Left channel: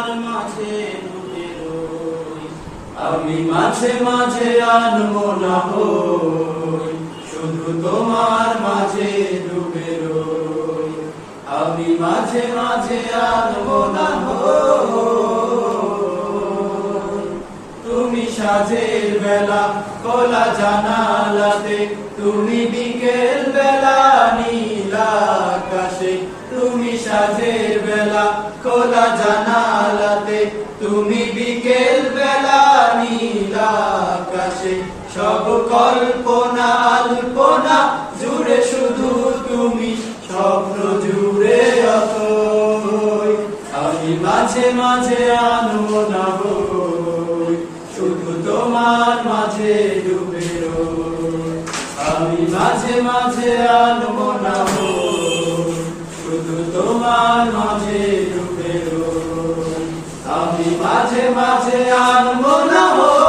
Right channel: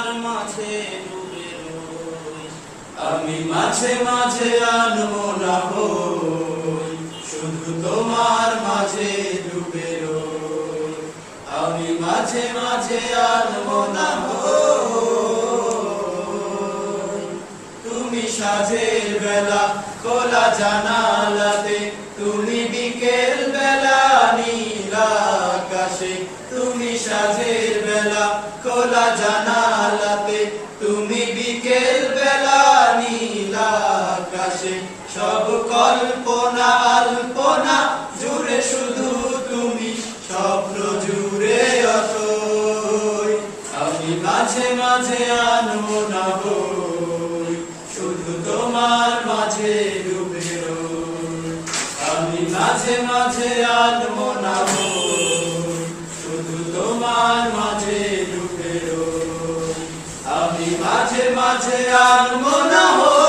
তোমার মাঝে ডুবে রই। আমি মাঝে মাঝে আনমনা হই, শুধু তোমার মাঝে ডুবে রই। আমি মাঝে মাঝে আনমনা হই। তুমি সাঁঝের বেলা খোলা জানালাতে, তুমি বিকেল বেলা নীল আকাশে। তুমি সাঁঝের বেলা খোলা জানালাতে, তুমি বিকেল বেলা নীল আকাশে। সব কল্পনা আল্পনা জুড়ে শুধু তুমি, স্বপ্ন জুড়ে অথই। আমি মাঝে মাঝে আনমনা হই, শুধু তোমার মাঝে ডুবে রই। আমি মাঝে মাঝে আনমনা হই, শুধু তোমার মাঝে ডুবে রই। আমি মাঝে মাঝে আনমনা হই।